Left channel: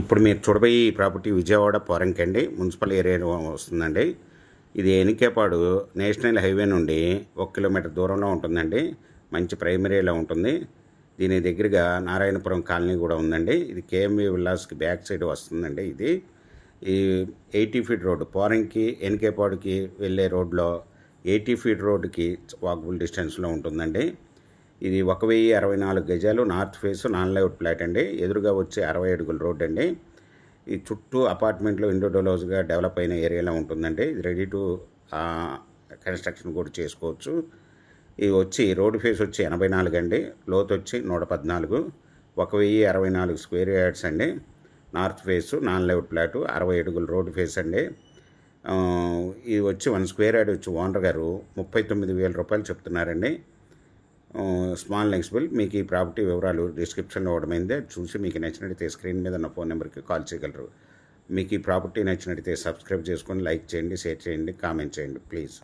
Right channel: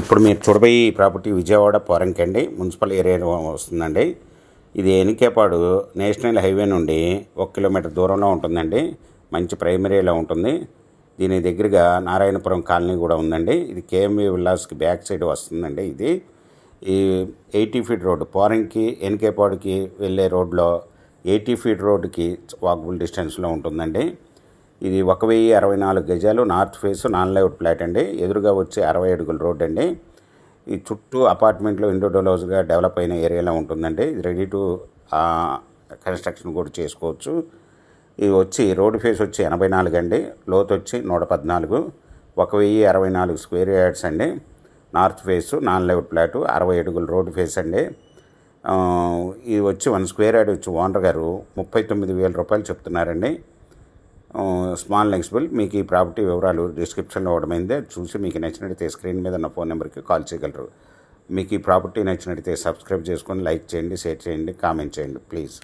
ఇప్పుడు మీరు చూడబోయే ఈ ప్రాపర్టీ విజయవాడ పోరంకి అండి, మున్సిపల్ ఏరియాలో వస్తుందండి. ఇది ఎనికేపాడు నేషనల్ హైవే నుండి 1 కిలోమీటర్ దూరంలో ఉంటుందండి. మంచి ప్రైమరీలో ఉంటుంది. దీని దగ్గరగా నారాయణపురం కాలనీ కూడా ఉందండి. ఇది కేఎంవి విల్లాస్కి బ్యాక్ సైడ్ వస్తుందండి. ఇది ఈ 80 ఫీట్ రోడ్డు పోరంకి ఎనికేపాడుకి వెళ్ళే రోడ్లో 80 ఫీట్ రోడ్డుకి వాకబుల్ డిస్టెన్స్లో ఉంటుందండి. ఇది 1064 గజాలు, north face non layout plot అండి. ఎదురుగా వచ్చే 60 అడుగుల రోడ్ అండి. ఈ చుట్టూ అపార్ట్మెంట్లో ఇండివిజువల్స్గా డెవలప్ అయిన ఏరియాలో ఉంటుందండి. ఇది రెడీ టు కన్స్ట్రక్షన్ కూడా చేసుకోవచ్చు. ఇది వచ్చి రోడ్ ఫేస్ వచ్చి 84 అండి, లోతు వచ్చి 114, 1064 స్క్వేర్ యార్డ్స్ అండి. North face non layout plot, 60 అడుగుల రోడ్ ఫేస్ అండి. ఇది వచ్చి 1 స్క్వేర్ యార్డ్ వచ్చి ఓనర్ గారు 39,000 రూపాయలు చెప్తున్నారండి. స్మాల్ నెక్స్బుల్. మీకు ఈ ప్రాపర్టీ వివరాలు డిస్క్రిప్షన్లో ఇవ్వడమైందే. చూసి మీకు నచ్చినట్టయితే స్క్రీన్ మీద ఉన్న ఫోన్ నెంబర్కి కాల్ చేయగలరు. మీకు ఈ ప్రాపర్టీ నచ్చినట్టయితే సబ్స్క్రైబ్ చేసుకొని లైక్ చేయండి, షేర్ చేయండి, కామెంట్ చేయండి ప్లీజ్.